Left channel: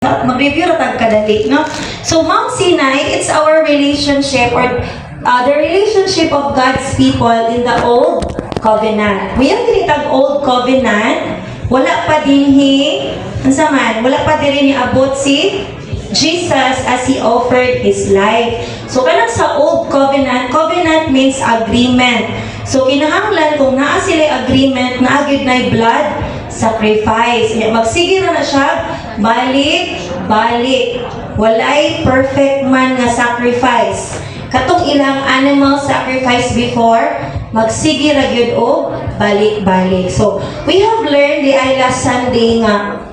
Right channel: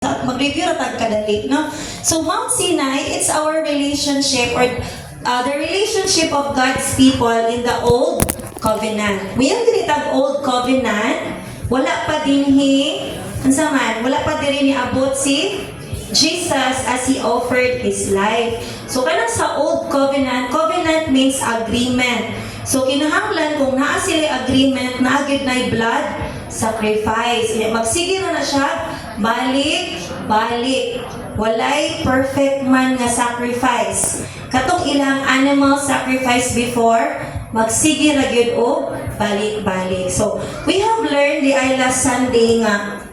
Mag-review na tagkadali, no? So, Mount Sinai, it's our relationship or the relationship of God's people in the Old Covenant. Mayang kinitag Old Covenant, wala pa dinhi, wala pa din ni abot si Jesus as He offered His life. So, kanang sa Old Covenant, covenant means agreement. So, kinahanglan kung naa sila agreement, naagid na blood sacrifice. Magsige na siya, balik. Walay perfect man nga sacrifice. Katong ilang animal sacrifice before, magsige ra gyud og balik. So, we have learned the last Sunday nga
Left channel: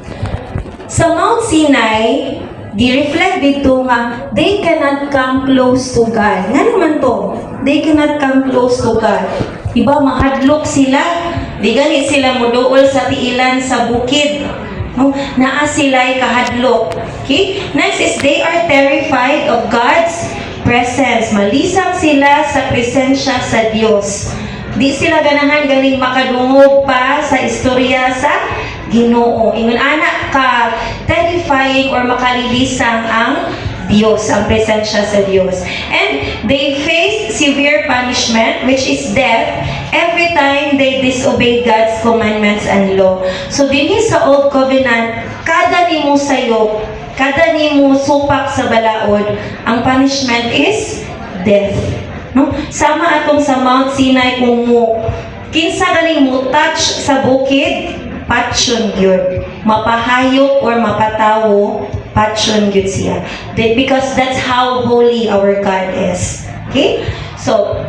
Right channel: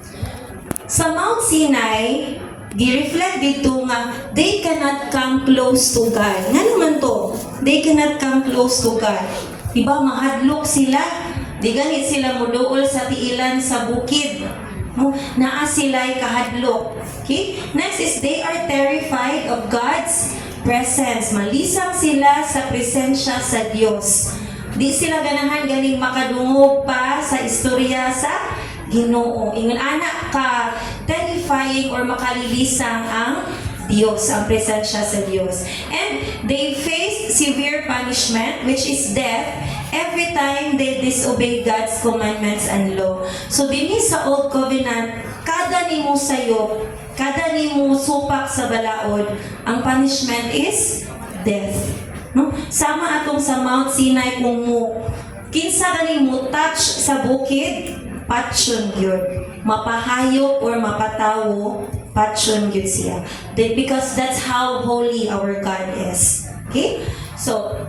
sa Mount Sinai, gi-reflect dito nga they cannot come close to God. Nga naman to? They cannot come close to God. Diba, mahadlok sila. Di ganit sila muduol sa tiilan sa bukid. No? Naa sila'y kahadlok. Okay? Next is they are terrified of God's presence. Malisang sila sa presensya sa Diyos. Di sila ganahan galing makadungog pa sa istorya sa Ginoo. Ingon anak ka terrifying or makalilisang ang Diyos, ang presensya sa Diyos. And they face severe punishment, which is death, every time they disobey God's commandments and law. So, dinhi sa Old Covenant, kada nimo sayop, kada nimo supak sa balaod, ang punishment is death. No? Sama atong sa Mount Sinai kung mo, kinsa ganing mo touch sa bukid, patyon yun. Mapahayop or mapatawo, patyon yun siya. Because that's how holy our God is. Okay? So,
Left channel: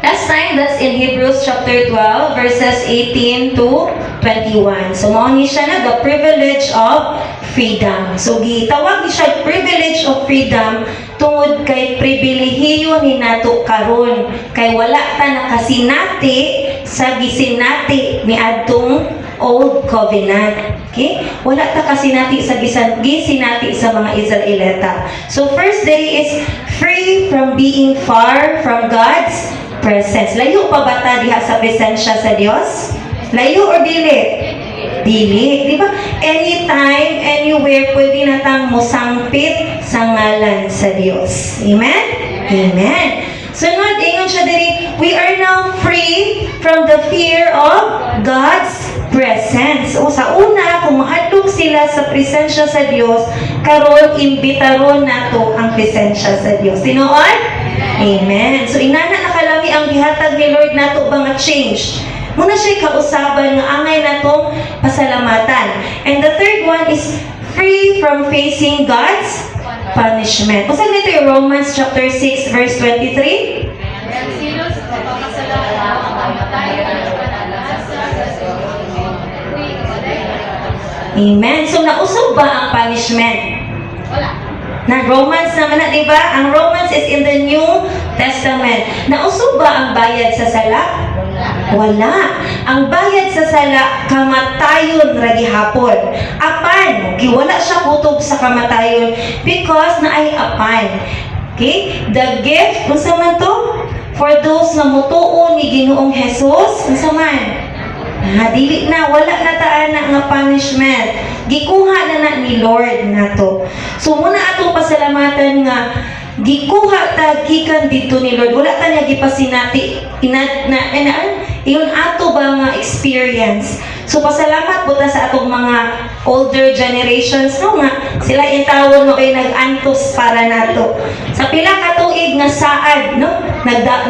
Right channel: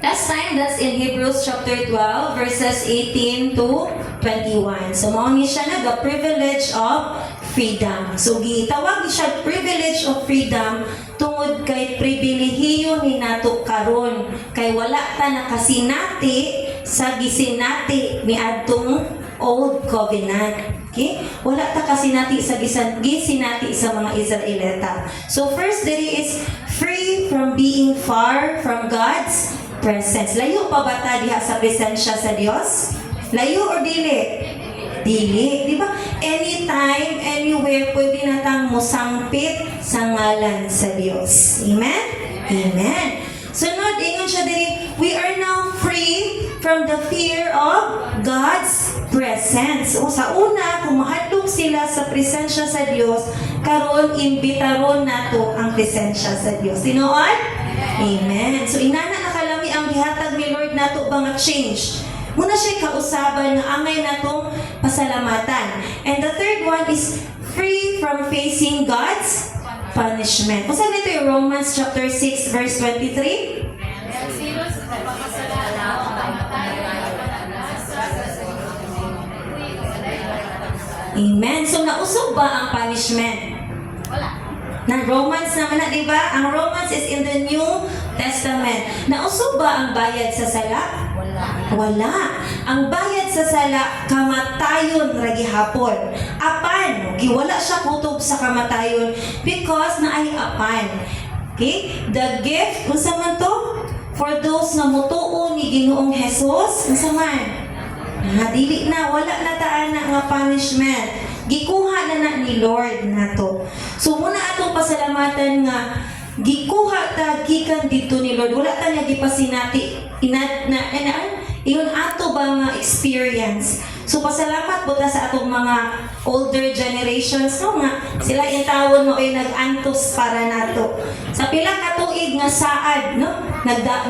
last time, that's in Hebrews chapter 12, verses 18 to 21. So, mauni siya na, the privilege of freedom. So, gitawag siya privilege of freedom tungod kay pribilehiyo ni nato karon kay wala ta nakasinati sa gisinati ni adtong Old Covenant. Okay? Wala ta kasinati sa gisinati sa mga Israelita. So, first day is free from being far from God's presence. Layo pa ba ta diha sa presensya sa Dios? Layo or dili? Dili. Di ba? Anytime, anywhere, pwede na tang musangpit sa ngalan sa Diyos. Amen? Amen. Sunod, ingon siya diri, we are now free from the fear of God's presence. O sa una, kung mahadlok sila sa presensya sa Diyos, karon imbitaron nato ang presensya sa Diyos. Tinuod? Amen. So, inana nakalami ang gihatag ni Lord nato ba nga change. Muna siya kausaban nga angay natong pasalamatan. And the third one is free from facing God's punishment. Kung saan nito yung Romans chapter 6 verse 23? Amen. So, nausog ba ang punishment? Wala. Na Romans naman na, di ba? Ang Romans is in the New Testament. Nausog ba ang bayad sa sala? Wala. Ang bayad sa sala, kamatayon ra gihapon. Apan, giwala siya kutob sa kamatayon because na ay apan. Okay? The gift, kung sa man to? For those na mutuo ni Ginoong Jesus, kung sa man? Dili na, wala na taan na nga punishment. Gikuha na ni Lord na to. So, muna atong pasalamatan nga, gikuha ta gikan dito ni Lord. Wala ta niya gipasinati. Iyon ato ba nga experience. So, pasalamat po ta sa atong mga older generations, no nga, sila yung tawag mo kayo nag-antos para nato. Sa pila katuig nga saad, no?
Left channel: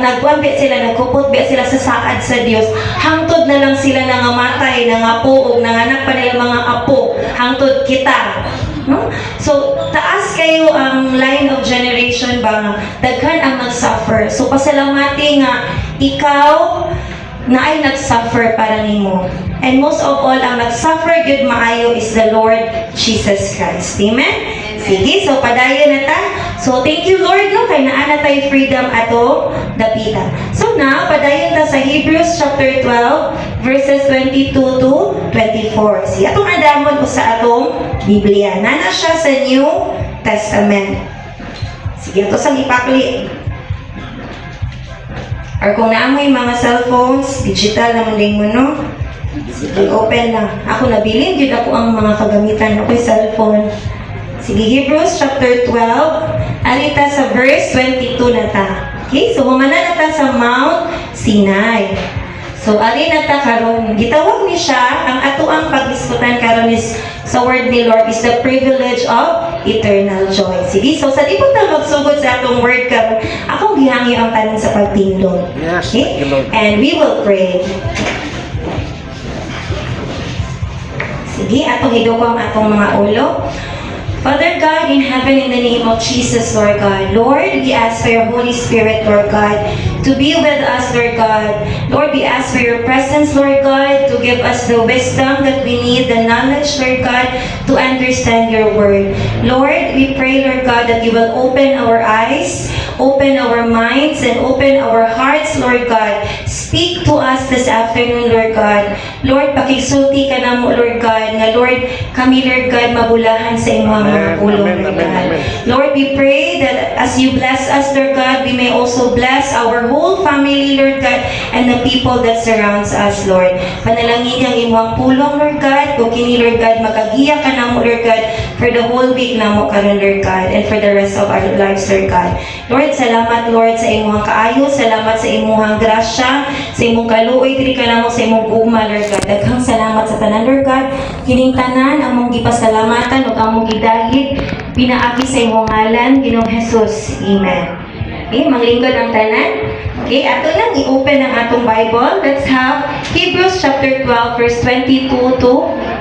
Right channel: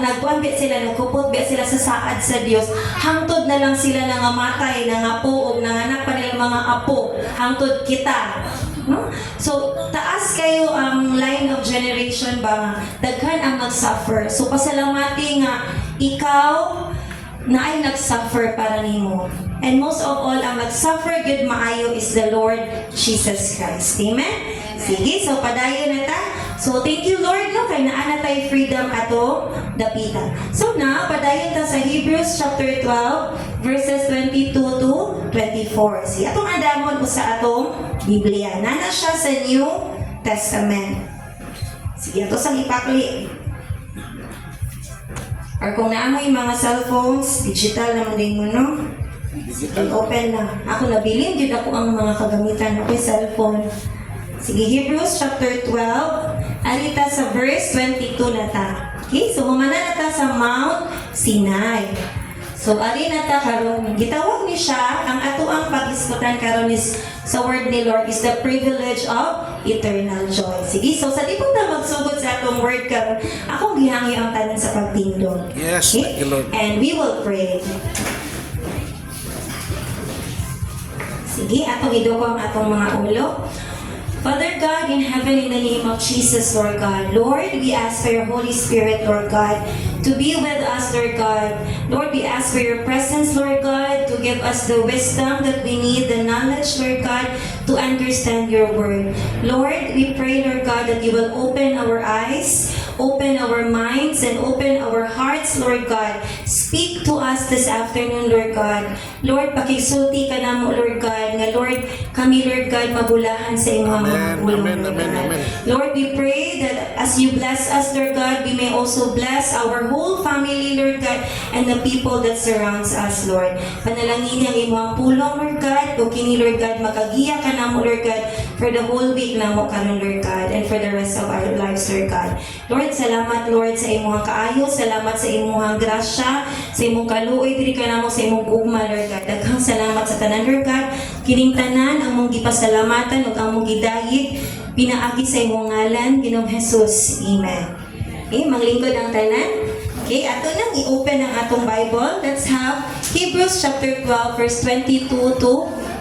Nagwambit sila, nagkupot-bit sila sa saad sa Dios. Hangtod na lang sila nangamatay, nangapo, o nanganak pa nila mga apo. Hangtod kita. No? So, taas kayo ang line of generation ba nga, daghan ang nag-suffer. So, pasalamati nga, ikaw na ay nag-suffer para nimo. And most of all, ang nag-suffer good maayo is the Lord Jesus Christ. Amen? Sige, so padayon na ta. So, thank you Lord, no? Kay naa na tayo freedom ato dapita. So now, padayon ta sa Hebrews chapter 12, verses 22 to 24. Sige, atong adamon ko sa atong Biblia. Nana siya sa New Testament. Sige, ito sang ipakli. Or kung naamoy mga cellphones, digital naman din mo, no? Sige, open na. Ako nabilin, yun ako ang mga kagamitan. Ako'y cellphone. Sige, Hebrews chapter 12. Alita sa verse 22 na ta. Okay, so humana na ta sa Mount Sinai. So, alin na ta karon, gitawag ni siya, ang ato ang pag-iskutan karon is sa word ni Lord is the privilege of eternal joy. Sige, so sa di po tayo magsugod sa atong word karon, akong gihangi ang tanan sa pagtindog. Yes, Okay? thank you, Lord. And we will pray. Sige, atong hidugo ang atong mga ulo. Father God in heaven, in the name of Jesus, Lord God. Lord, we ask for your Holy Spirit, Lord God, to be with us, Lord God. Lord, we ask for your presence, Lord God, to give us the wisdom that we need, the knowledge, Lord God, to understand your word. Lord, we pray, Lord God, that you will open our eyes, open our minds, and open our hearts, Lord God. Speak to us this afternoon, Lord God. Lord, pakigsulti ka na mo, Lord God, nga Lord, kami, Lord God, mabulahan sa imong mga pulong, Amen, Lord amen, God. amen. Lord, we pray that as you bless us, Lord God, we may also bless our whole family, Lord God, and the people that surrounds us, Lord. Panalangin ang imong pulong, Lord God, kung kini, Lord God, magagiya ka na mo, Lord God, for the whole week na mo karon, Lord God, and for the rest of our lives, Lord God. Lord, salamat, Lord, sa imong kaayo, salamat sa imong grasya, sa imong kaluoy, diri ka na mo sa imong gugma, Lord God. Daghang salamat sa tanan, Lord God. Kining tanan, among gipasalamatan, ug among gidahig, pinaagi sa imong ngalan, Ginoong Jesus. Amen. Okay, manglingkod ang tanan. Okay, ato lang i-open ang atong Bible. Let's have Hebrews chapter 12, verse 22 to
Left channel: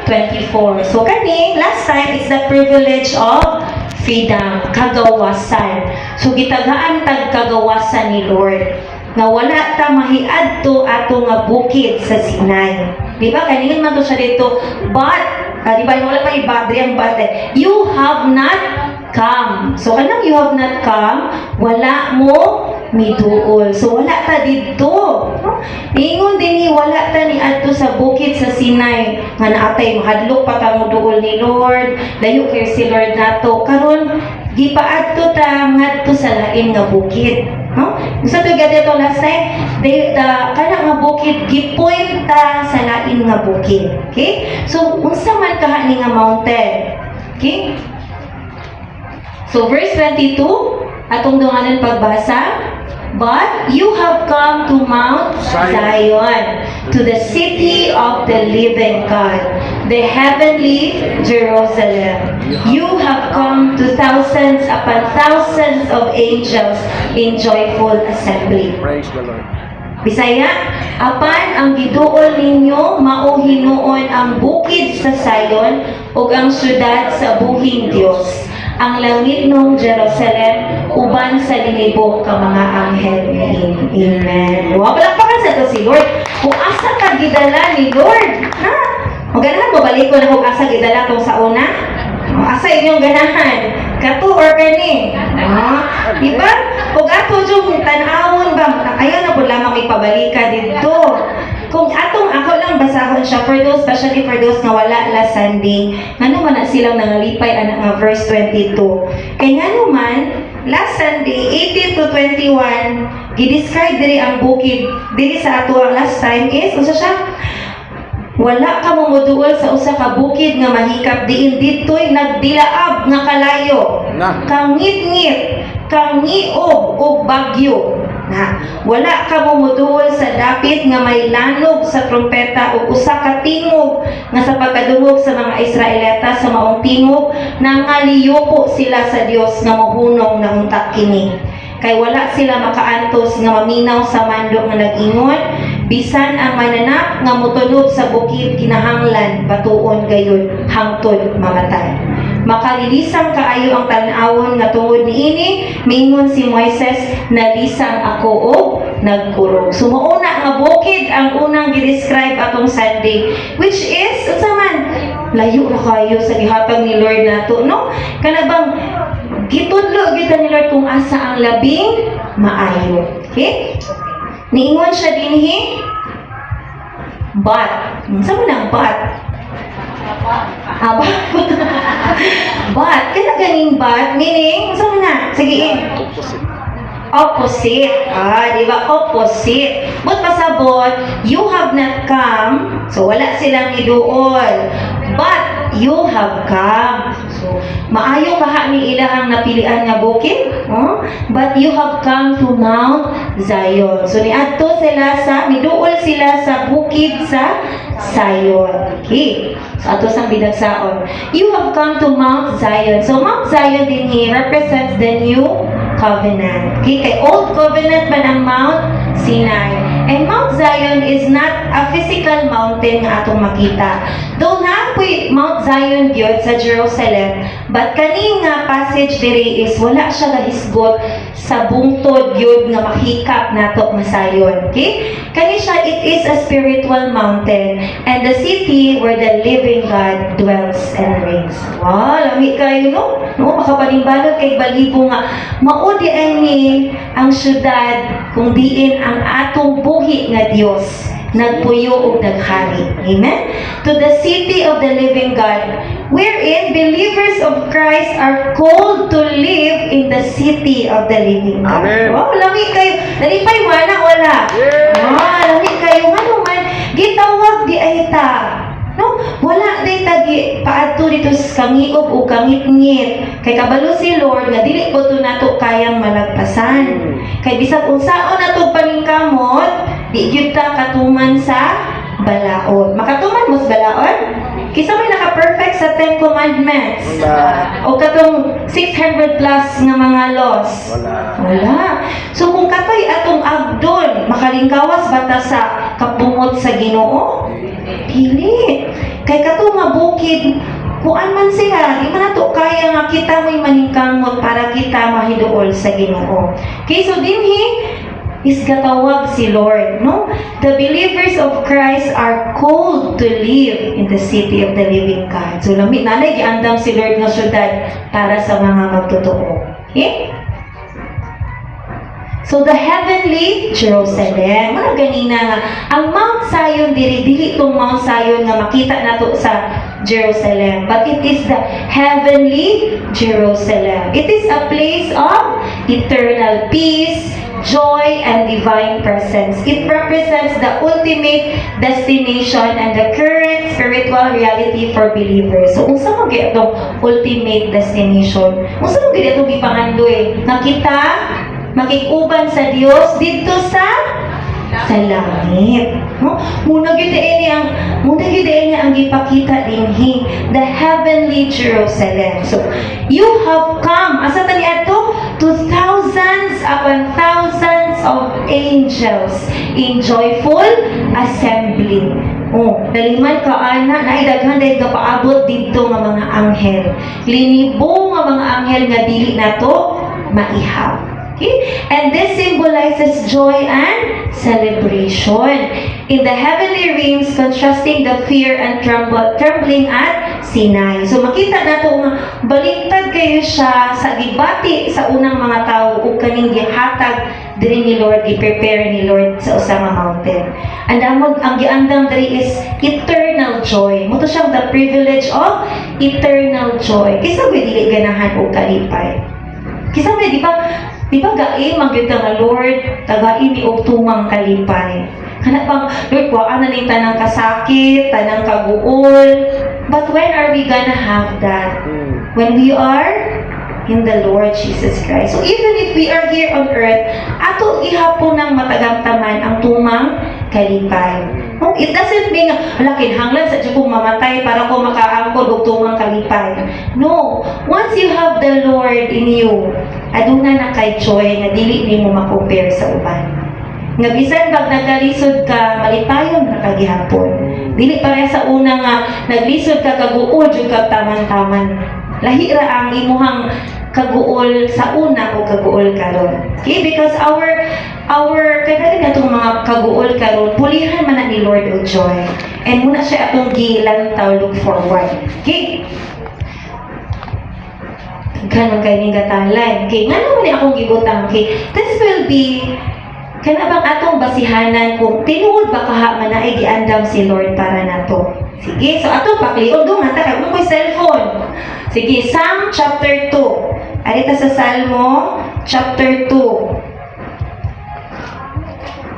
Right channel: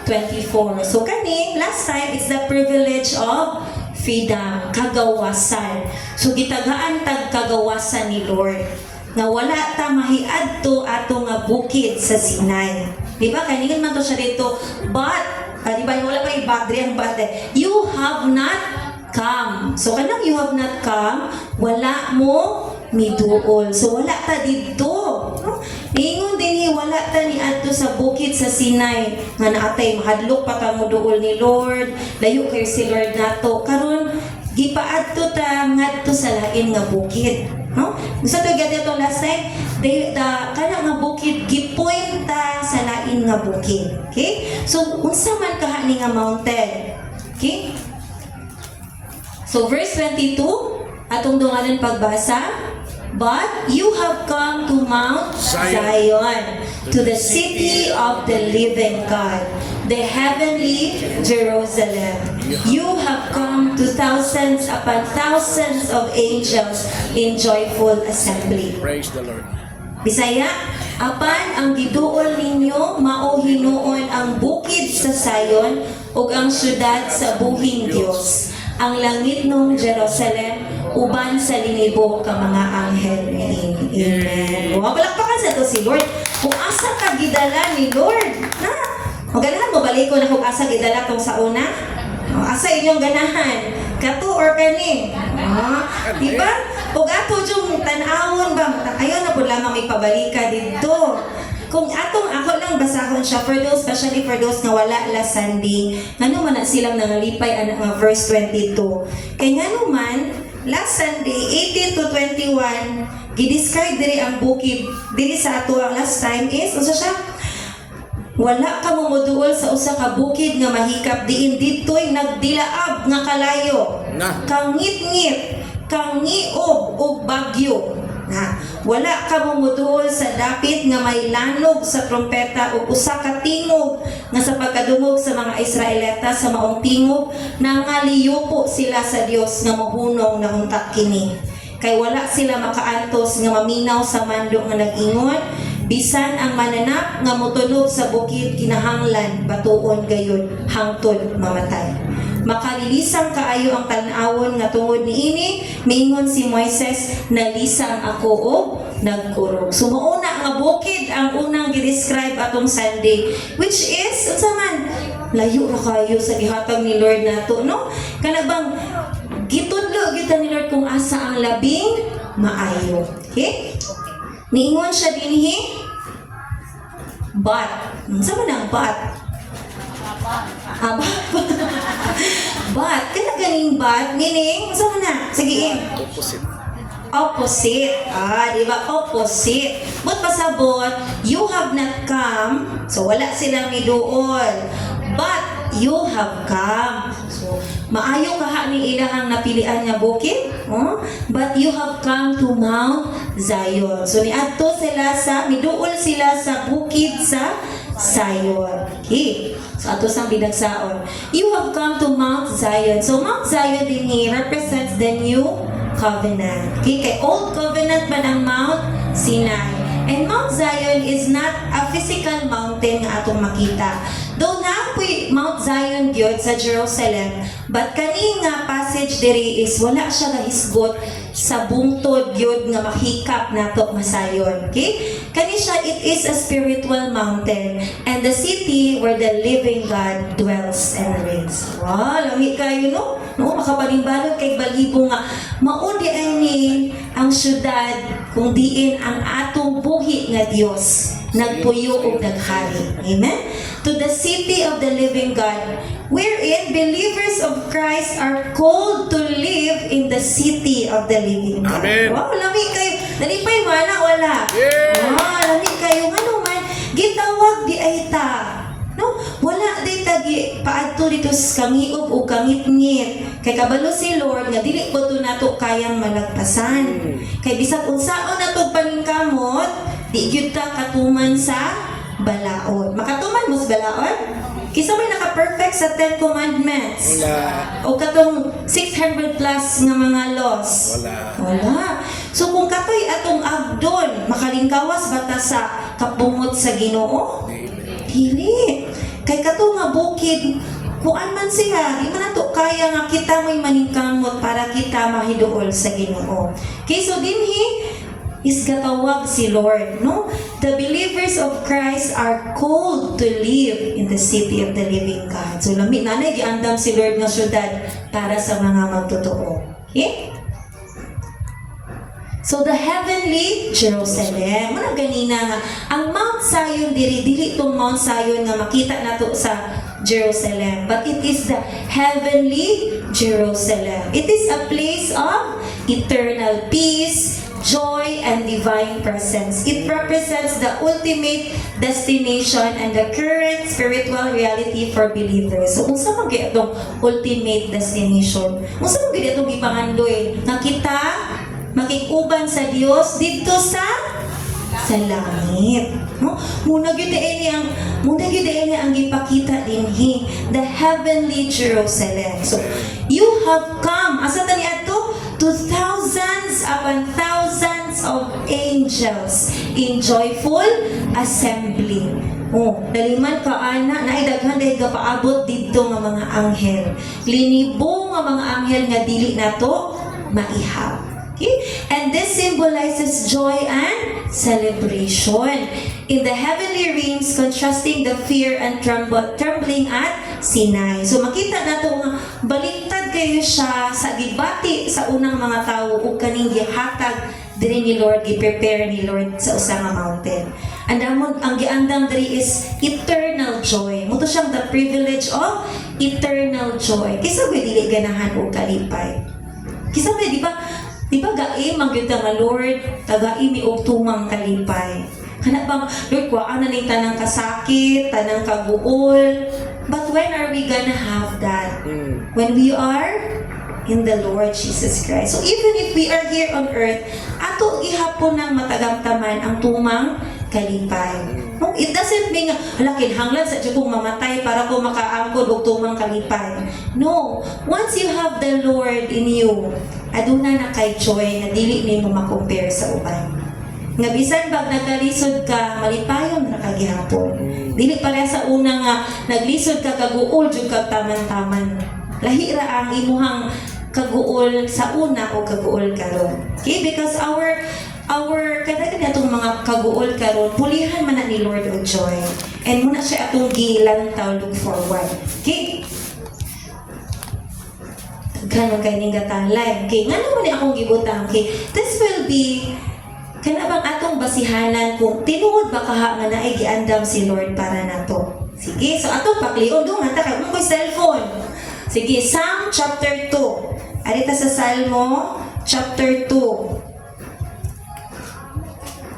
24. So kaning, last time, it's the privilege of freedom, kagawasan. So gitagaan tag kagawasan ni Lord na wala ta mahiadto ato nga bukid sa Sinai. Di ba? Kaningan man to siya dito, but, di ba, wala pa ibadri ang but, you have not come. So, kanang you have not come, wala mo mituol. So, wala ta dito. No? Ingon din wala ta ni adto sa bukid sa Sinai. Nga naatay, mahadlok pa ta mo duol ni Lord. Layo kay si Lord nato. Karon gipaadto ta ngadto sa lain nga bukid. No? Gusto to gad ito last time, kana nga bukid gipoint ta sa lain nga bukid. Okay? So, unsa man kahani nga mountain? Okay? So, verse 22, atong dunganan pagbasa. But you have come to Mount Zion, to the city of the living God, the heavenly Jerusalem. You have come to thousands upon thousands of angels in joyful assembly. Praise the Lord. Bisaya, apan ang giduol ninyo mao hinuon ang bukid sa Zion ug ang syudad sa buhing Dios, ang langit ng Jerusalem uban sa linibo ka mga anghel niini. Amen. Wa palakpakan sa to si Lord. Kung asa ka gidala ni Lord, ha? Maganahan mo balik ko na kung asa gidala tong sa una? Asa inyong ganahan? Kato or kani? Diba? Kung ato yung tanawon ba, ayaw na po lamang ipabalika dito. Kung atong ako lang basahon siya for those, especially for those nga wala last Sunday, nga man na silang nangalipay ang verse 22. Kaya nga naman, last Sunday, 18 to 21, gidescribe diri ang bukid, diri sa ato ang last time is, usa siya, wala ka mumuduol sa usa ka bukid nga mahikap diin ditoy nagdilaab nga kalayo. Kangit-ngit, kangiog og bagyo. Na, wala ka mumuduol sa dapit nga may lanog sa trompeta o usa ka tingog nga sa pagkadungog sa mga Israelita sa maong tingog nangaliyupo sila sa Dios nga mohunong na unta kini. Kay wala sila makaantos nga maminaw sa mando nga nag-ingon, bisan ang mananap nga motunog sa bukid kinahanglan batuon gayon hangtod mamatay. Makalilisang kaayo ang tan-awon nga tungod niini, mingon si Moises, nalisang ako og nagkurog. So mauna nga bukid ang unang gi-describe atong Sunday, which is unsa man layo na kayo sa gihatag ni Lord nato, no? Kana bang gitudlo kita ni Lord kung asa ang labing maayo. Okay? Niingon siya dinhi, but, unsa man ang but? But, kaya ganing but, meaning, saan mo na? Sige, opposite. Di ba? Opposite. But pasabot, you have not come, so wala silang iduol. But, you have come. So, maayo kaha ni ilahang napilian nga bukid, but you have come to Mount Zion. So niadto sila miduol sila sa bukid sa Zion. Okay. So ato sang binagsaon. You have come to Mount Zion. So Mount Zion din represents the new covenant. Okay, kay old covenant man ang Mount Sinai. And Mount Zion is not a physical mountain nga atong makita. Though naapoy Mount Zion gyud sa Jerusalem, but kani nga passage diri is wala siya gahisgot sa bungtod gyud nga mahikap nato nga Zion. Okay? Kani siya, it is a spiritual mountain and the city where the living God dwells and reigns. Wow, lami kayo no? No, makapanimbalot kay balibo nga maudi ni ang syudad kung diin ang atong buhi nga Dios nagpuyo ug naghari. Amen? To the city of the living God, wherein believers of Christ are called to live in the city of the living God. Amen. Wow, lami kayo. Nalipay mo na wala. Lami kayo. Ano man, gitawag di ay ta. No? Wala day tagi paadto dito sa kangiog o kangit-ngit. Kay kabalo si Lord nga dili po to nato kayang malagpasan. Kay bisag unsaon nato paningkamot, di gyud ta katuman sa balaod. Makatuman mo sa balaod? Kisa may naka-perfect sa 10 commandments. O katong 600 plus nga mga laws. Wala. So kung katay atong agdon, makalingkawas bata sa kapungot sa Ginoo? Dili. Kay katong nga bukid, kuan man siya, di man nato kaya nga kita mo'y maningkamot para kita mahiduol sa Ginoo. Okay, so dinhi is gatawag si Lord, no? The believers of Christ are called to live in the city of the living God. So lami nanay giandam si Lord nga syudad para sa mga magtotoo. Okay? So the heavenly Jerusalem, mga ganina nga, ang Mount Zion, dili tong Mount Zion nga makita nato sa Jerusalem, but it is the heavenly Jerusalem. It is a place of eternal peace, joy, and divine presence. It represents the ultimate destination and the current spiritual reality for believers. So, unsa mo gyud itong ultimate destination? Unsa mo gyud itong gipangandoy? Nga kita makikuban sa Dios dito sa langit. No? Muna gyud ini ang gipakita dinhi, the heavenly Jerusalem. So, you have come asa tani adto to thousands upon thousands of angels in joyful assembly. Daliman ka ana na daghan day paabot didto nga mga anghel. Linibo nga mga anghel nga dili nato maihap. Okay? And this symbolizes joy and celebration in the heavenly realms, contrasting the fear and trembling at Sinai. So makita nato nga baliktad kayo siya sa gibati sa unang mga tao ug kaning gihatag diri ni Lord, gi-prepare ni Lord sa usa nga mountain. And ang giandam diri is eternal joy. Moto siyang the privilege of eternal joy. Kisa ba dili ganahan og kalipay? Kisa ba di ba gai magyud nga Lord, tagain ni og tumang kalipay. Kana bang Lord, kuhaan na ning tanang kasakit, tanang kaguol. But when are we gonna have that? When we are in the Lord Jesus Christ. So even if we are here on earth, ato ihapon ng matagamtaman ang tumang kalipay. It doesn't mean kinahanglan sa Diyo kong mamatay para ko makaangkod og tumang kalipay. No. Once you have the Lord in you, aduna na kay joy nga dili nimo ma-compare sa uban. Nga bisan pag nagkalisod ka, malipayon na kagihapon. Dili pareha sa una nga naglisod ka kaguol jud kag taman-taman. Lahi ra ang imuhang kaguol sa una o kaguol karon. Okay, because our kadaghan natong mga kaguol karon pulihan man na ni Lord og joy. And muna siya atong gilantaw, look forward. Okay? Kanang kayong gatalan. Okay, nga naman ni akong gibutang. Okay, this will be kanabang atong basihanan kung tinuod ba kaha man na ay giandam si Lord para nato. Sige, so atong pakliod do nga ta kay mo cellphone. Sige, Psalm chapter 2. Arita sa Salmo chapter 2.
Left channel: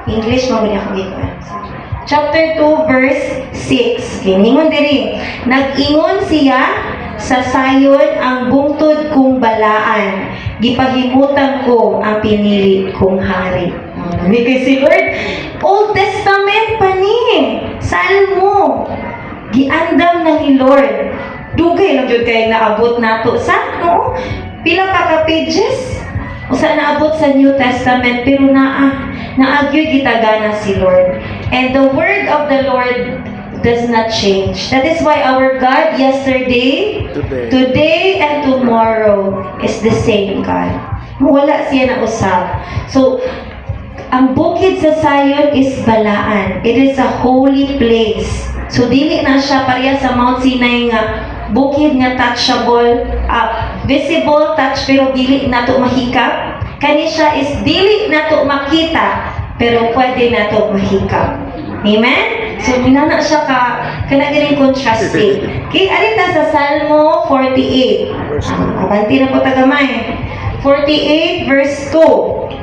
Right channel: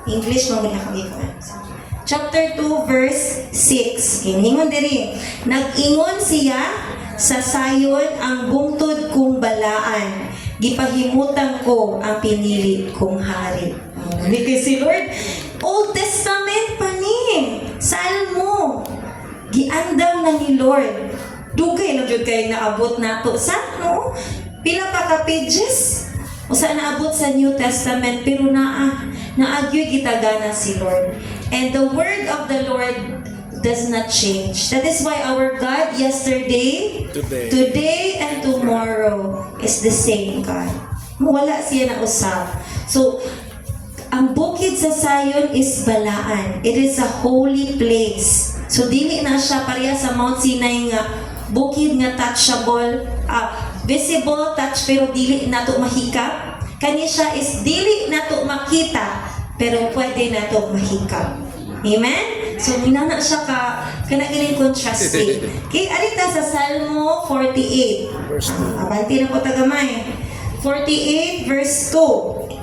English mo niya akong gikuan. Chapter 2 verse 6. Giningon diri. Nag-ingon siya sa sayon ang bungtod kong balaan, gipahimutan ko ang pinili kong hari. Hindi kay si Lord, Old Testament pa ni, Salmo, giandam na ni Lord. Dugay lang jud kay naabot nato sa no? Pila pa ka pages? Usa naabot sa New Testament pero naagyo gitagana si Lord. And the word of the Lord does not change. That is why our God yesterday, today and tomorrow is the same God. Wala siya na usap. So, ang bukid sa Zion is balaan. It is a holy place. So, dili na siya pareha sa Mount Sinai nga bukid nga touchable, visible touch pero dili nato mahikap. Kani siya is dili nato makita pero pwede nato mahikap. Amen? So, minana siya kanagaling contrasting. Okay, alita sa Salmo 48. Abanti na po tagamay. 48 verse 2.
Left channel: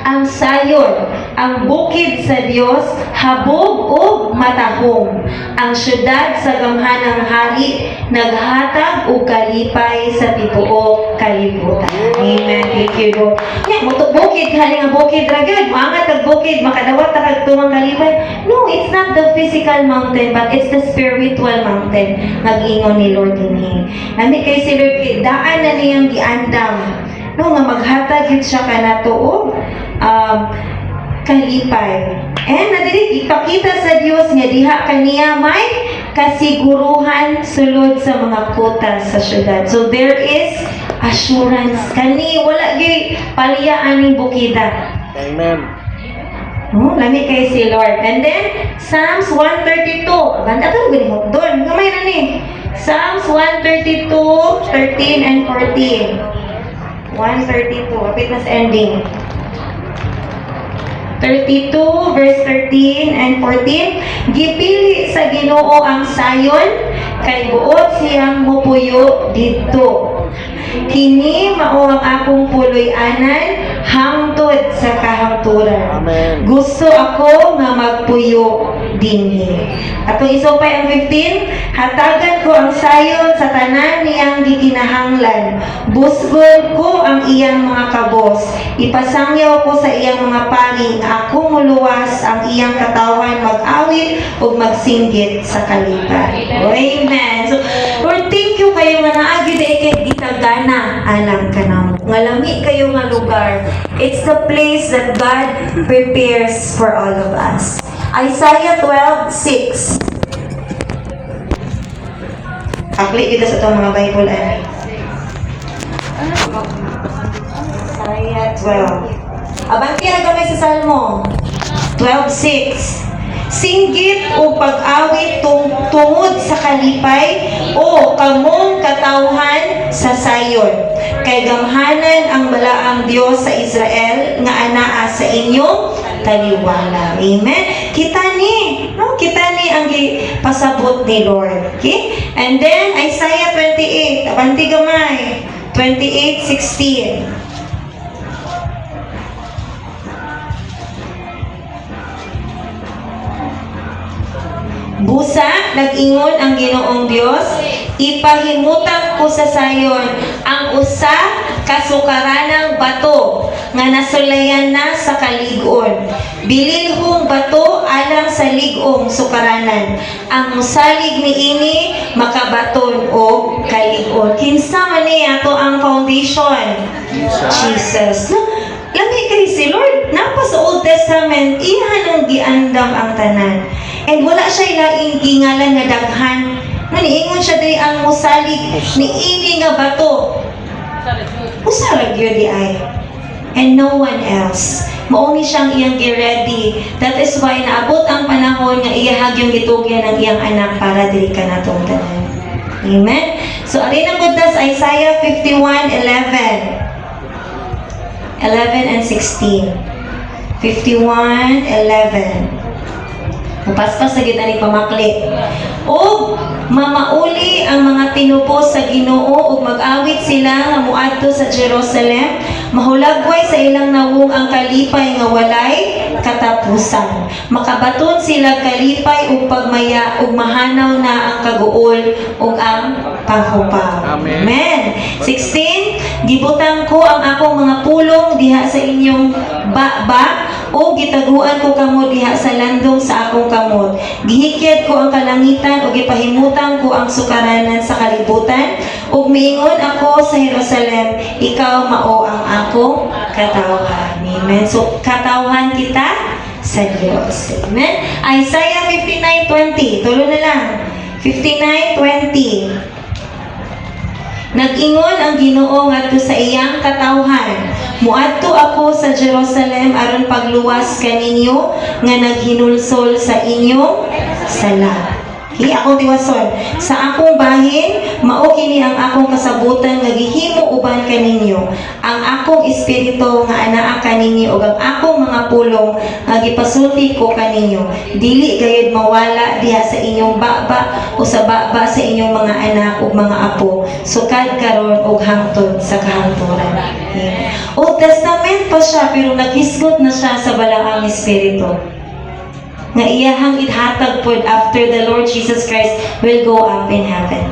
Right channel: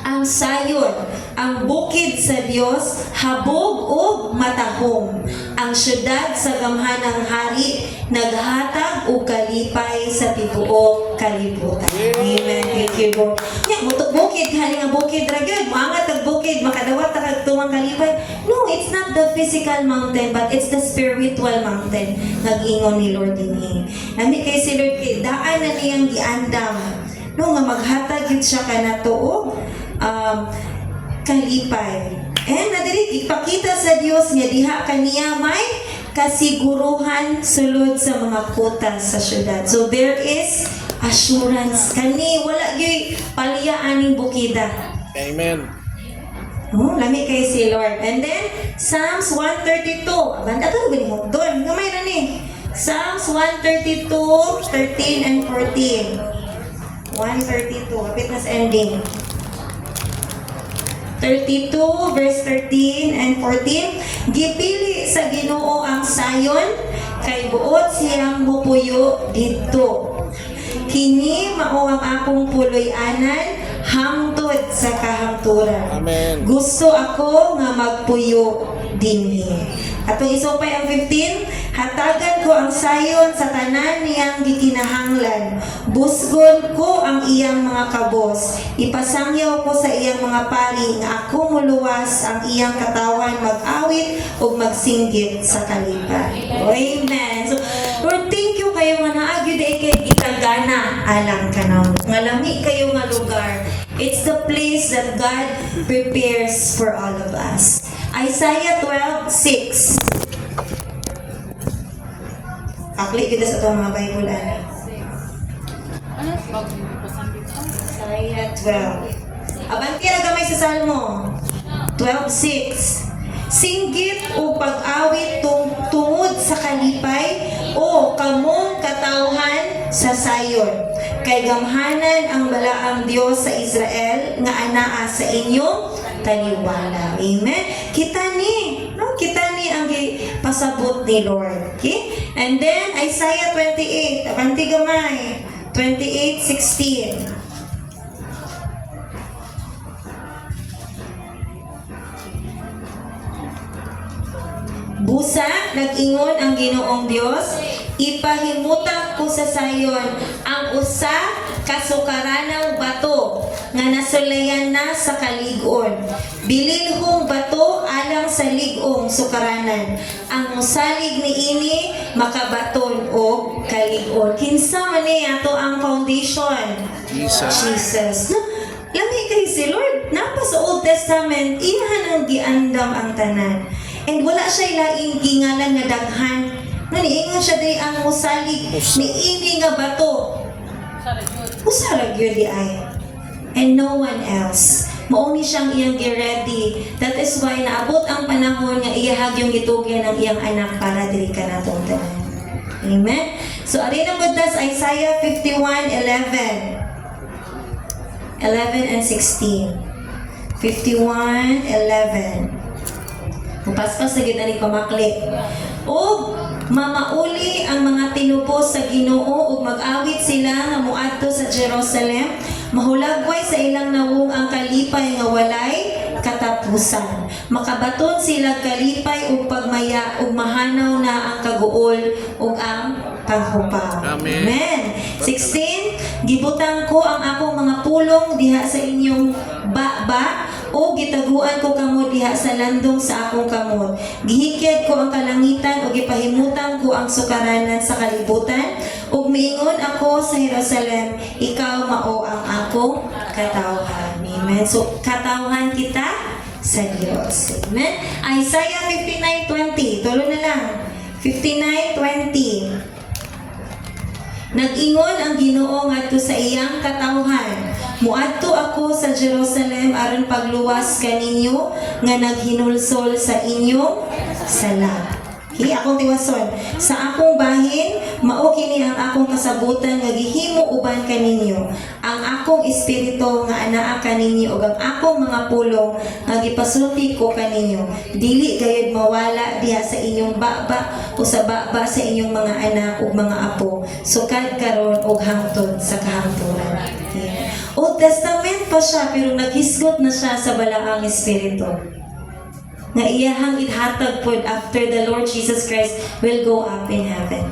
Ang sayon, ang bukid sa Dios, habog o matahong. Ang syudad sa gamhanang hari, naghatag o kalipay sa tibuok kalibutan. Amen. Thank you, Lord. Yeah, bukid, kani nga bukid ragad. Muangat kag bukid, makadawat na kag tumang kalipay. No, it's not the physical mountain, but it's the spiritual mountain. Nag-ingon ni Lord dinhi. Nami kay si Lord, daan na niyang giandam. No, nga maghatag yun siya kanato o kalipay. And nadiri ipakita sa Dios nga diha kaniya may kasiguruhan sulod sa mga kuta sa syudad. So there is assurance kani wala gyud paliyaan ning bukida. Amen. Oh, lami kay si Lord. And then Psalms 132. Banda to gani mo doon. Gamay na ni. Psalms 132, 13 and 14. 132. Kapit na sa ending. 32 verse 13 and 14. Gipili sa Ginoo ang sayon, kay buot siyang mupuyo didto. Kini mao ang akong puloy-anan hangtod sa kahangturan. Amen. Gusto ako nga magpuyo dinhi. Atong isupay ang 15, hatagan ko ang sayon sa tanan niyang gikinahanglan. Busgon ko ang iyang mga kabos. Ipasangyaw ko sa iyang mga pari nga ako muluwas ang iyang katawan mag-awit ug magsinggit sa kalipay. Amen. So, Lord, thank you kayo nga naagi kay gitagana alang kanaw. Ngalami kayo nga lugar. It's the place that God prepares for all of us. Isaiah 12:6. Akli kita sa itong mga Bible ay. Isaiah 12. Abanti na gamay sa Salmo. 12:6. Singgit o pag-awit tungod sa kalipay o kamong katawhan sa sayon. Kay gamhanan ang balaang Dios sa Israel nga anaa sa inyong taliwala. Amen. Kita ni ang pasabot ni Lord. Okay? And then Isaiah 28, abanti gamay. 28:16. Busa, nag-ingon ang Ginoong Dios, ipahimutan ko sa sayon ang usa kasukaranang bato nga nasulayan na sa kalig-on. Bililhong bato alang sa lig-ong sukaranan. Ang musalig niini makabaton o kalig-on. Kinsa man niya to ang foundation? Jesus. Lami kay si Lord, napa sa Old Testament, iyan ang giandam ang tanan. And wala siya ilaing gingalan nga daghan. Naniingon siya diri ang musalig ni ini nga bato. Usarag yun di ay. And no one else. Mauni siyang iyang gi-ready. That is why naabot ang panahon nga iyahag yung gitugyan ng iyang anak para diri ka natong tanan. Amen? So, arin ang budas Isaiah 51:11. 11 and 16. 51:11. Mupaspas sa gitna ni pamakli. O mamauli ang mga tinupos sa Ginoo ug mag-awit sila nga muadto sa Jerusalem. Mahulagway sa ilang nawong ang kalipay nga walay katapusan. Makabaton sila kalipay ug pagmaya ug mahanaw na ang kaguol ug ang panghupaw. Amen. 16, gibutang ko ang akong mga pulong diha sa inyong baba o gitaguan ko kamo diha sa landong sa akong kamot. Gihikyat ko ang kalangitan o gipahimutan ko ang sukaranan sa kalibutan ug miingon ako sa Jerusalem, ikaw mao ang akong katawhan. Amen. So katawhan kita sa Diyos. Amen. Isaiah 59:20. Tulo na lang. 59:20. Nag-ingon ang Ginoo ngadto sa iyang katawhan. Muadto ako sa Jerusalem aron pagluwas kaninyo nga naghinulsol sa inyong sala. Okay, akong tiwason. Sa akong bahin, mao kini ang akong kasabutan nga gihimo uban kaninyo. Ang akong espiritu nga anaa kaninyo ug ang akong mga pulong nga gipasulti ko kaninyo. Dili gayud mawala diha sa inyong baba o sa baba sa inyong mga anak ug mga apo. Sukad karon ug hangtod sa kahangturan. Okay. Old Testament pa siya pero naghisgot na siya sa balaang espiritu. Nga iyahang ithatag pod after the Lord Jesus Christ will go up in heaven.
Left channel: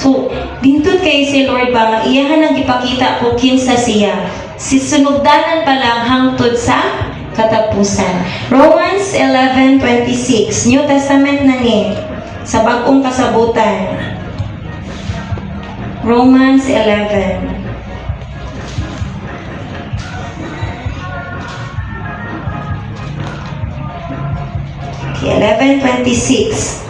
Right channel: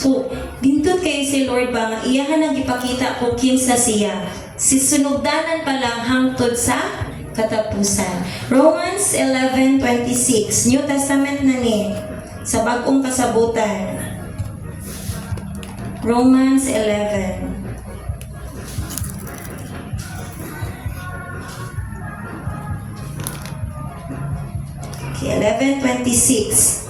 So, dintod kay si Lord ba nga iyahan ang ipakita ko kinsa siya. Si sunugdanan pa lang hangtod sa katapusan. Romans 11:26, New Testament na ni sa bagong kasabutan. Romans 11. 11:26.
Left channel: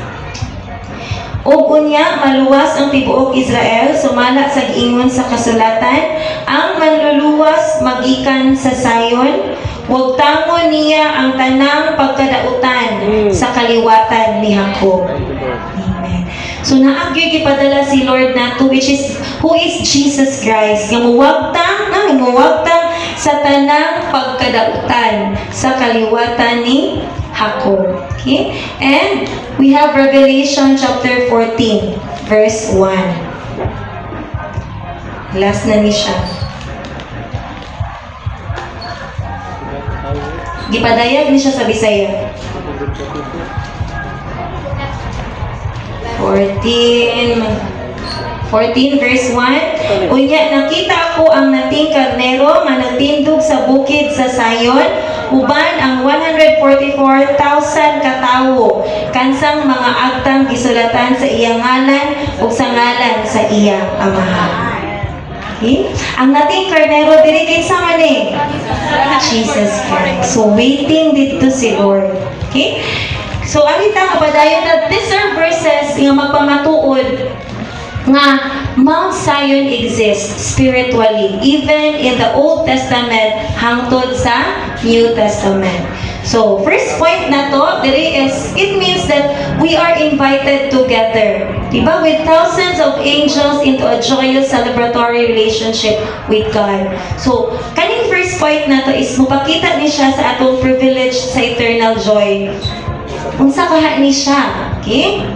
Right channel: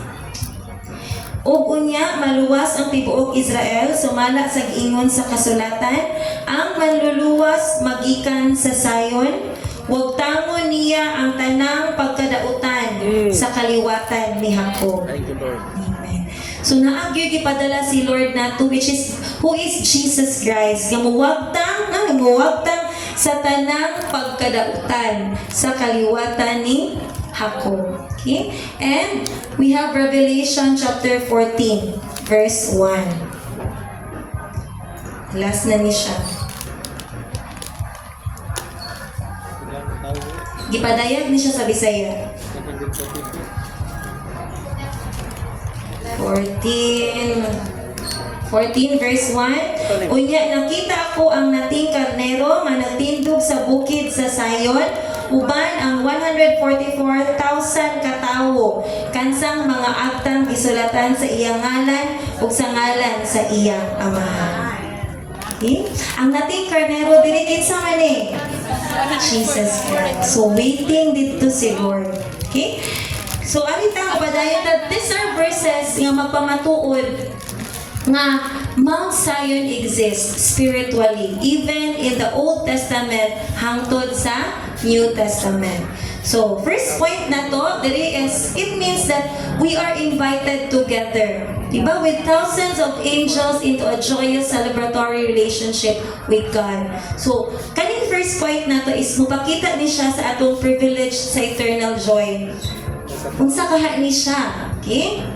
Ug unya maluwas ang tibuok Israel sumala sa giingon sa kasulatan, ang manluluwas magikan sa Sayon, ug tangon niya ang tanang pagkadautan sa kaliwatan ni Jacob. Amen. So naagyo gipadala si Lord nato who is Jesus Christ. Nga muwagtang sa tanang pagkadautan sa kaliwatan ni Jacob. Okay? And we have Revelation chapter 14, verse 1. Last na ni siya. Gipadayag ni siya sa Bisaya. 14 verse 1. Unya, nakita ko ang nating karnero nga nagtindog sa bukid sa Sayon, uban ang 144,000 katawo, kansang mga aktang gisulatan sa iyang ngalan ug sa ngalan sa iyang amahan. Okay? Ang nating karnero diri kinsa man ni? Jesus Christ. So waiting dito si Lord. Okay? So alita mapadayon that these are verses nga magpamatuod nga Mount Zion exists spiritually even in the Old Testament hangtod sa New Testament. So first point na to, it means that we are invited together, diba, with thousands of angels into a joyous celebratory relationship with God. So kaning first point na to is mupakita ni siya sa atong privilege sa eternal joy. Unsa kaha ni siya, okay?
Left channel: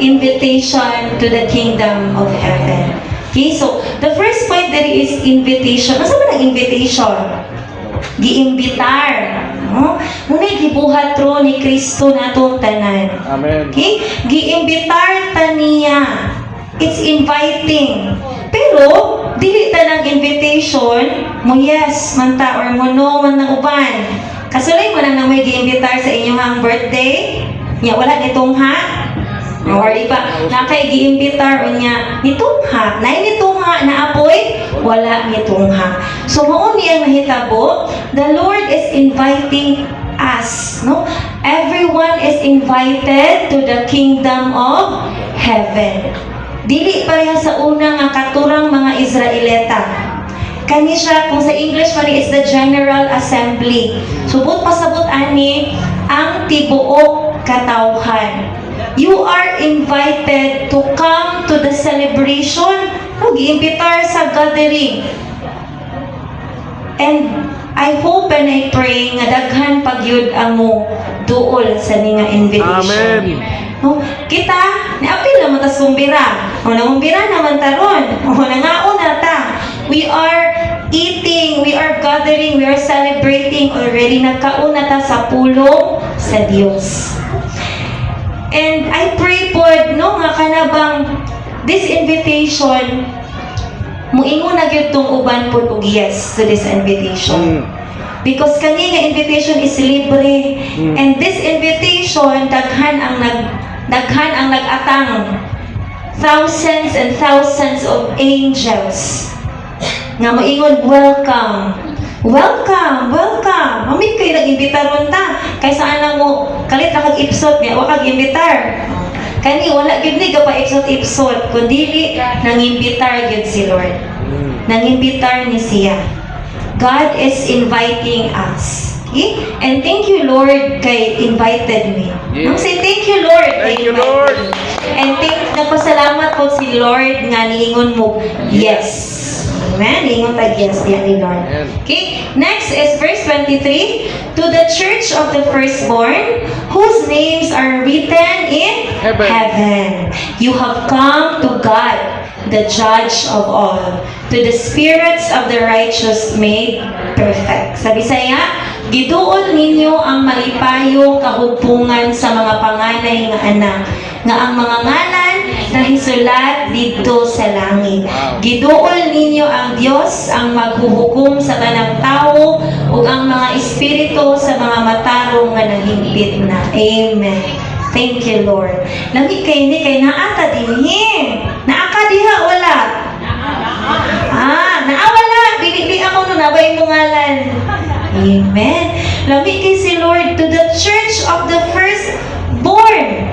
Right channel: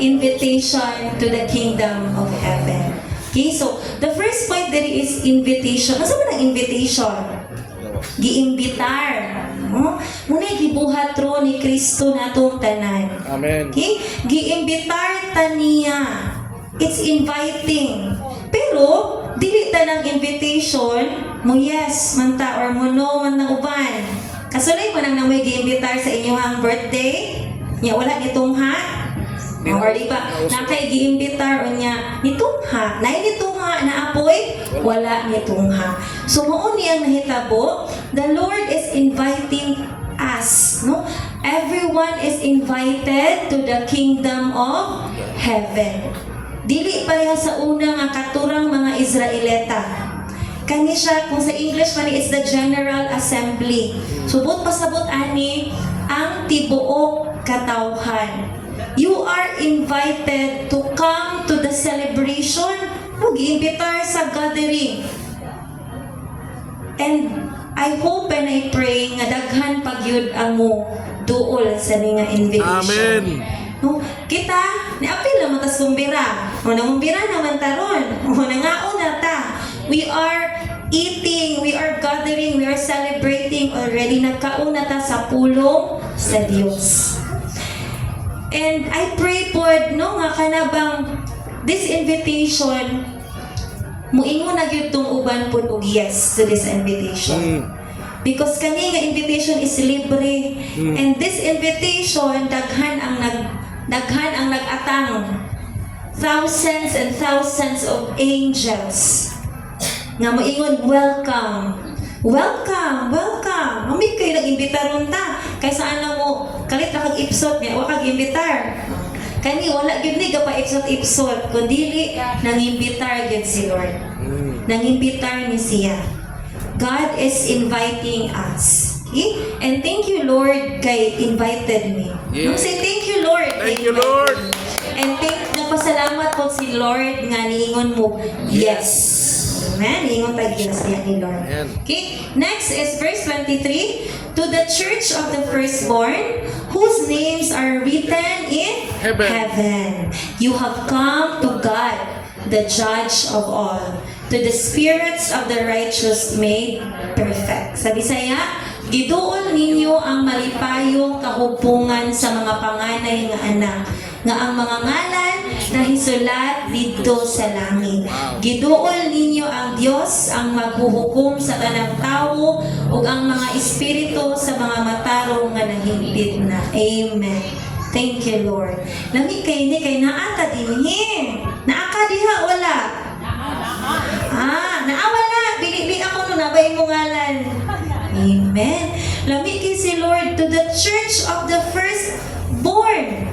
Invitation to the kingdom of heaven. Okay, so the first point there is invitation. Ano ba ang invitation? Giimbitar. No? Muna'y gibuhat ro ni Kristo natong tanan. Amen. Okay? Giimbitar ta niya. It's inviting. Pero, dili ta ng invitation, mo yes, manta, or mo no, man ng uban. Kasulay mo lang na may giimbitar sa inyong birthday. Ya, wala nitong ha? Or iba, nakay giimbitar o niya, nitungha. Nay nitungha na apoy, wala nitungha. So mao niya nahitabo, the Lord is inviting us, no? Everyone is invited to the kingdom of heaven. Dili pareha sa una nga katurang mga Israelita. Kani siya, kung sa English man, it's the General Assembly. Subot pasabot ani ang tibuok katawhan. You are invited to come to the celebration. Mag-iimbitar sa gathering. And I hope and I pray nga daghan pagyud amo duol sa ninga invitation. Amen. No? Kita, niapil naman tas kumbira. O nangumbira naman taron. O nangaon na ta. We are eating, we are gathering, we are celebrating everything already. Nagkauna ta sa pulong sa Dios. And I pray po, no, nga kanabang this invitation, muingon na gyud tong uban po og yes to this invitation. Because kani nga invitation is libre. And this invitation, daghan ang nag-atang. Thousands and thousands of angels nga moingon, welcome. Welcome, welcome. Amin kayo nag-imbitar ron ta. Kaysa anang mo, kalit na kag-ipsot niya, wag kag-imbitar. Kani, wala gid ni pa ipsot-ipsot, kundi nang-imbitar gid si Lord. Nang-imbitar ni siya. God is inviting us. Okay? And thank you, Lord, kay invited me. Nung say, thank you, Lord, kay invited me. And nagpasalamat po si Lord nga niingon mo, yes. Amen? Niingon tag yes diyan ni Lord. Okay? Next is verse 23. To the church of the firstborn, whose names are written in heaven. You have come to God, the judge of all, to the spirits of the righteous made perfect. Sabi saya, giduol ninyo ang malipayong kahugpungan sa mga panganay nga anak, nga ang mga ngalan nahisulat dito sa langit. Giduol ninyo ang Dios ang maghuhukom sa tanang tao ug ang mga espiritu sa mga matarong nga nahimpit na. Amen. Thank you, Lord. Lami kay ni kay naata dinhi. Naaka diha wala. Naawala. Bili ako no nabay mo ngalan. Amen. Lami kay si Lord to the church of the firstborn.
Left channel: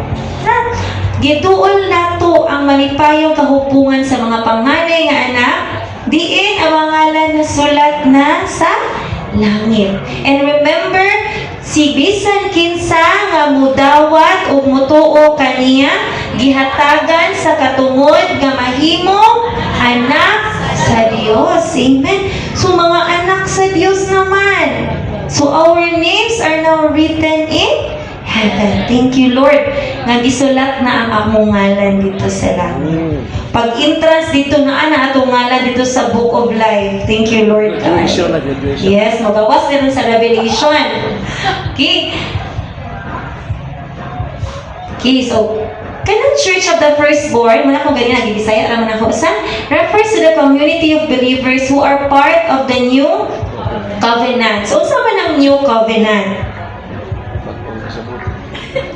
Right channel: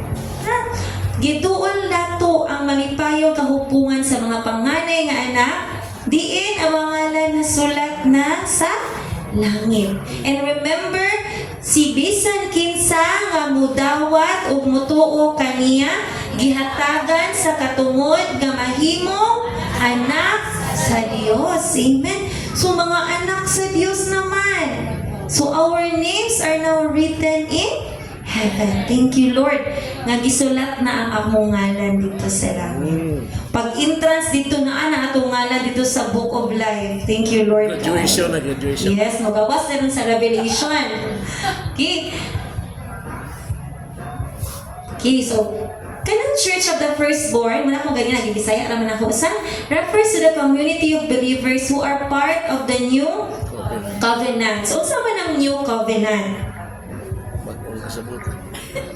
Gituol nato ang malipayong kahupungan sa mga panganay nga anak, diin ang mga ngalan na sulat na sa langit. And remember, si bisan kinsa nga mudawat ug mutuo kaniya, gihatagan sa katungod nga mahimo anak sa Dios. Amen. So mga anak sa Dios naman. So our names are now written in heaven. Thank you, Lord, nga gisulat na ang among ngalan dito sa langit. Pag entrance dito na atong ngalan dito sa Book of Life. Thank you, Lord. Graduation. Yes, magawas na rin sa Revelation. Okay. Okay, so kanang Church of the Firstborn, muna kung ganyan nag-ibisaya naman ako, refers to the community of believers who are part of the new covenant. So, saan man ang new covenant?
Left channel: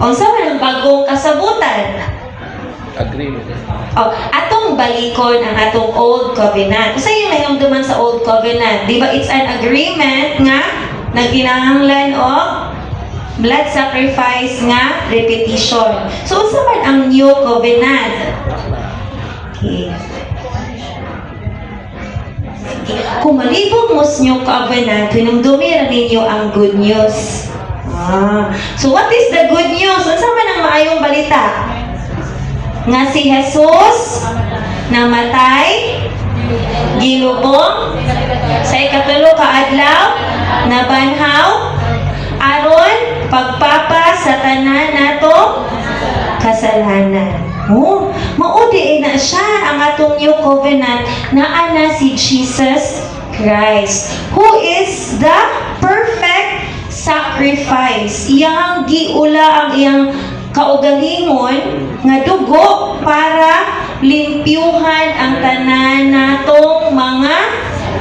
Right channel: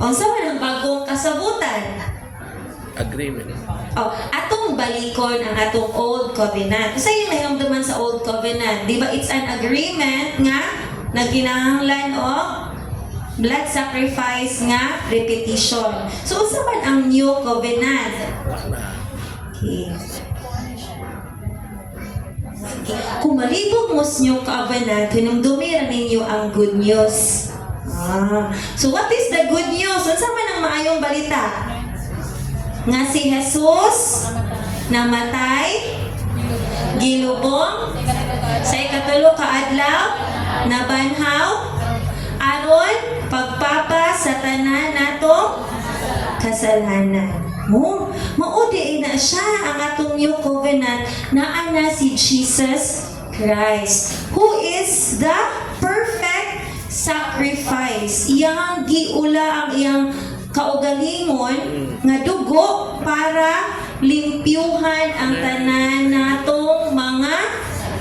O saan man ang bagong kasabutan? Agreement. Atong balikon ang atong old covenant. Kasi yung nahinumduman sa old covenant, di ba it's an agreement nga nagkinahanglan o blood sacrifice nga repetition. So, saan man ang new covenant? Okay. Kung malibog mo sa new covenant, hinumdumi rin ninyo ang good news. So what is the good news? Unsa man ang maayong balita? Nga si Jesus namatay, gilubong, sa ikatulo ka adlaw, nabanhaw, aron pagpapa sa tanan nato kasalanan. Maudi na siya ang atong new covenant na ana si Jesus Christ, who is the perfect sacrifice. Iyang giula ang iyang kaugalingon nga dugo para limpyuhan ang tanan natong mga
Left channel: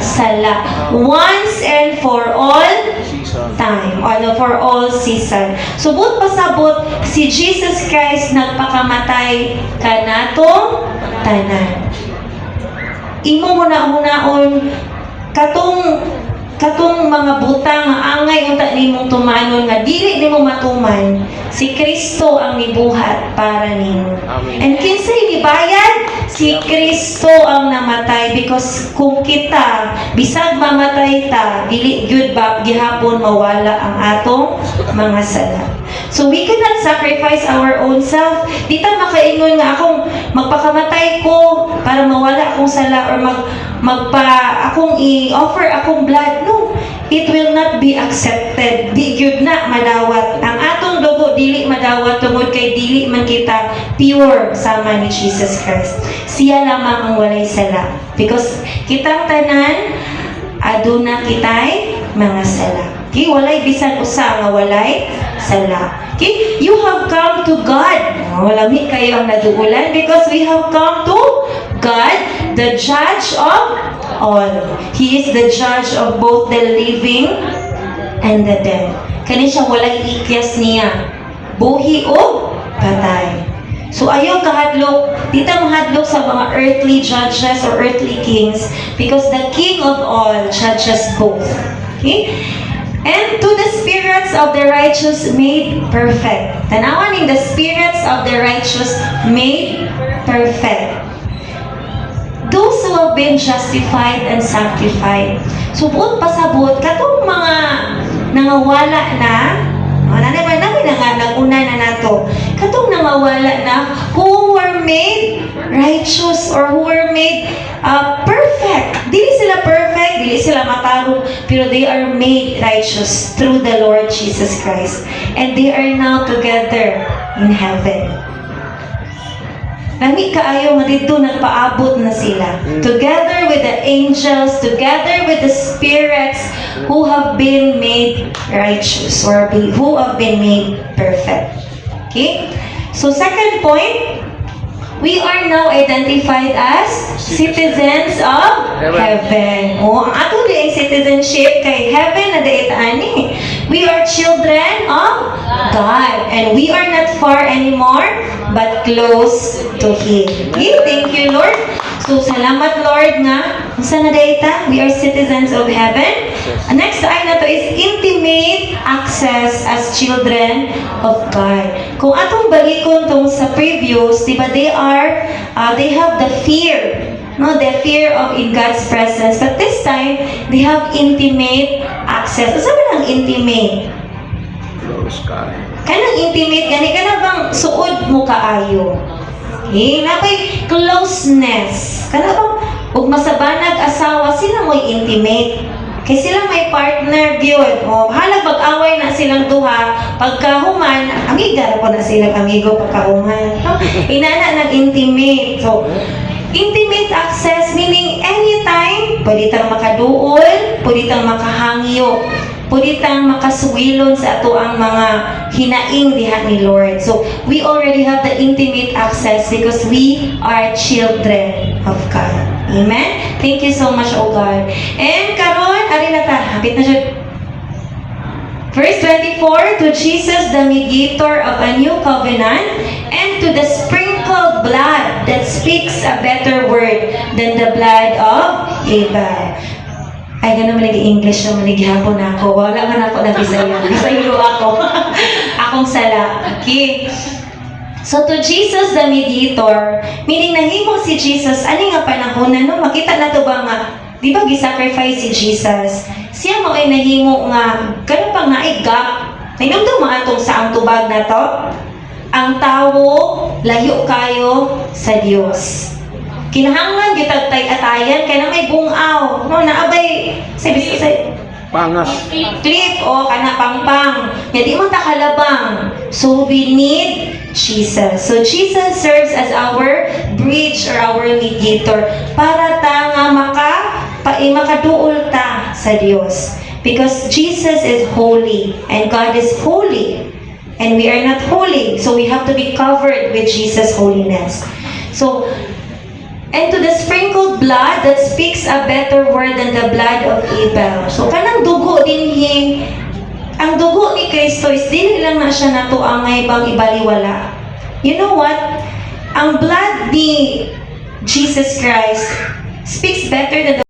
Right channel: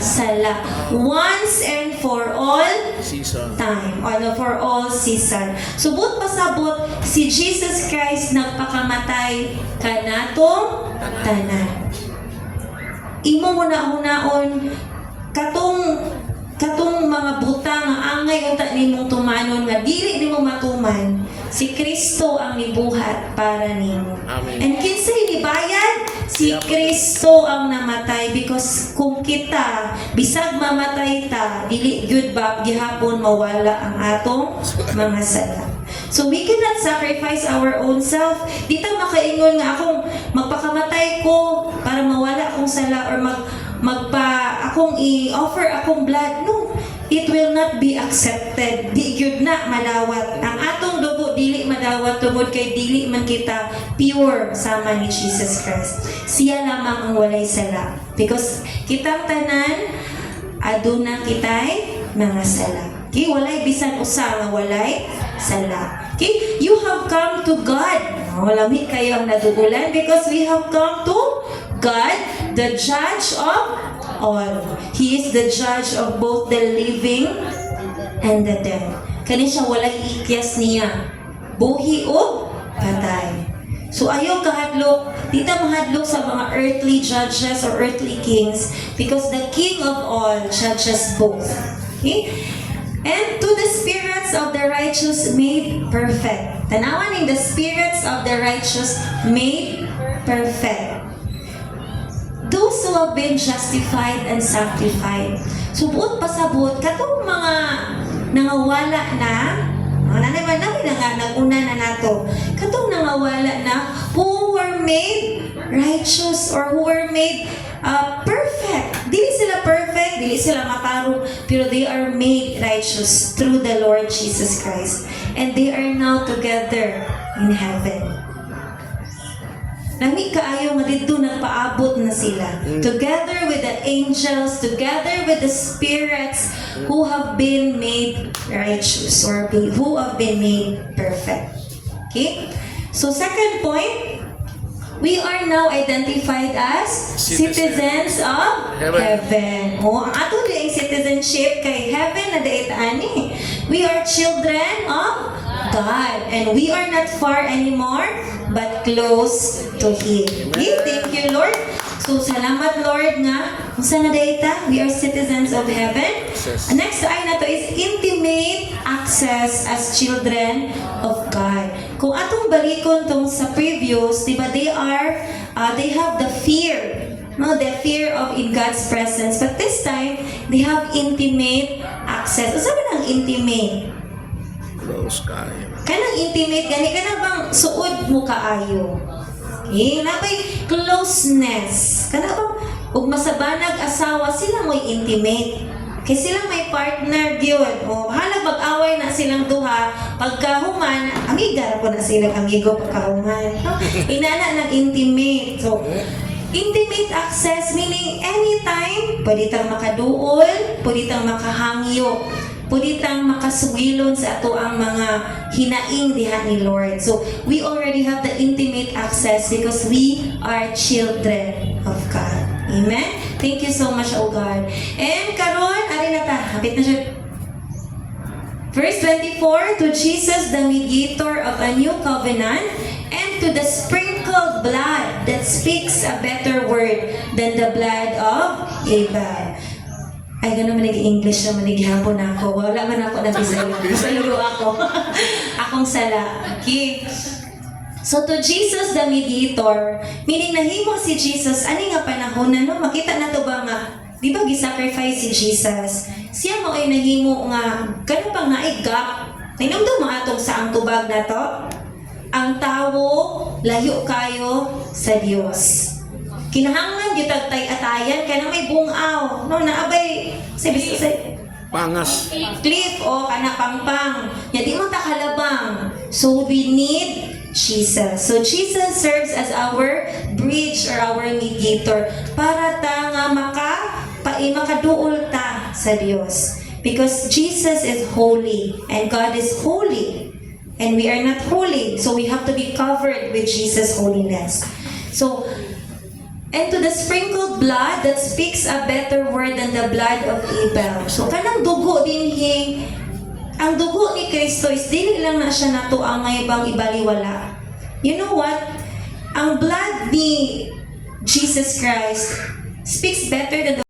sala. Once and for all time. For all season. Subot pasabot si Jesus Christ nagpakamatay kanatong tanan. Imo mo na hunaon katong mga butang nga angay unta nimong tumanon nga dili nimo matuman, si Kristo ang nibuhat para nimo. And kinsay nibayad? Si Kristo ang namatay, because kung kita bisag mamatay ta, dili gyud ba gihapon mawala ang atong mga sala. So we cannot sacrifice our own self. Di ta makaingon nga akong magpakamatay ko para mawala akong sala or akong i-offer akong blood. No, it will not be accepted. Di gyud na madawat. Ang atong dugo dili madawat tungod kay dili man kita pure sama ni Jesus Christ. Siya lamang ang walay sala. Because kitang tanan aduna kitay mga sala. Okay, walay bisan usa nga walay sala. Okay, you have come to God. Walami kayo ang naduulan because we have come to God, the judge of all. He is the judge of both the living and the dead. Kani siya walay ikyas niya. Buhi o patay. So ayaw kahadlok, di ta mahadlok sa mga earthly judges or earthly kings because the King of all judges both. Okay? And to the spirits of the righteous made perfect. Tanawan in the spirits of the righteous made perfect. Those who have been justified and sanctified. So buot pasabot, katong mga nangawala na, naguna na nato. Katong nangawala na, who were made righteous or who were made perfect. Dili sila perfect, dili sila matarong, pero they are made righteous through the Lord Jesus Christ. And they are now together in heaven. Lami kaayo nga dito nagpaabot na sila. Together with the angels, together with the spirits who have been made righteous or who have been made perfect. Okay? So second point, we are now identified as citizens of heaven. O, ang ato ang citizenship kay heaven na daitaan ni. We are children of God. And we are not far anymore, but close to Him. Okay? Thank you, Lord. So, salamat, Lord, nga. Sa na daita, we are citizens of heaven. Ang next ay na to is intimate access as children of God. Kung atong balikon tong sa previous, di ba, they have the fear, no, the fear of in God's presence. But this time, they have intimate access. Ano sabi ng intimate? Close kayo. Kanang intimate, gani ka na bang suod mo kaayo? Okay, nabay closeness. Kana bang, ug masabanag asawa, sila mo'y intimate. Kaya sila may partner gyud. O, halag pag-away na silang duha, pagkahuman, amiga na po na sila amigo pagkahuman. Inana ng intimate. So, intimate access meaning anytime, pwede tang makaduol, pwede tang makahangyo, pwede tang makasuwilon sa ato ang mga hinaing diha ni Lord. So, we already have the intimate access because we are children of God. Amen? Thank you so much, O God. And karon, ari na ta, hapit na siya. Verse 24, to Jesus, the mediator of a new covenant, and to the sprinkled blood that speaks a better word than the blood of Abel. Ay, gano'n man nag-English naman, naghihapon ako. Wala man ako nag-Bisaya. Bisayro ako. Akong sala. Okay. So to Jesus the mediator, meaning nahimo si Jesus, ani nga panahon na no, makita na to ba nga, di ba gisacrifice si Jesus? Siya mo ay nahimo nga, gano'n pa nga ay gap. Tinugtong mga itong saang tubag na to. Ang tawo, layo kayo sa Diyos. Kinahanglan gitag tay-atayan, kaya na may bungaw. No, naabay, sabi Pangas. cliff o kana pangpang. Ya di mo takalabang. So we need Jesus. So Jesus serves as our bridge or our mediator para ta nga makaduol ta sa Dios. Because Jesus is holy and God is holy. And we are not holy. So we have to be covered with Jesus' holiness. So and to the sprinkled blood that speaks a better word than the blood of Abel. So, kanang dugo din ang dugo ni Kristo is dili lang na siya nato ang ibang ibaliwala. You know what? Ang blood ni Jesus Christ speaks better than the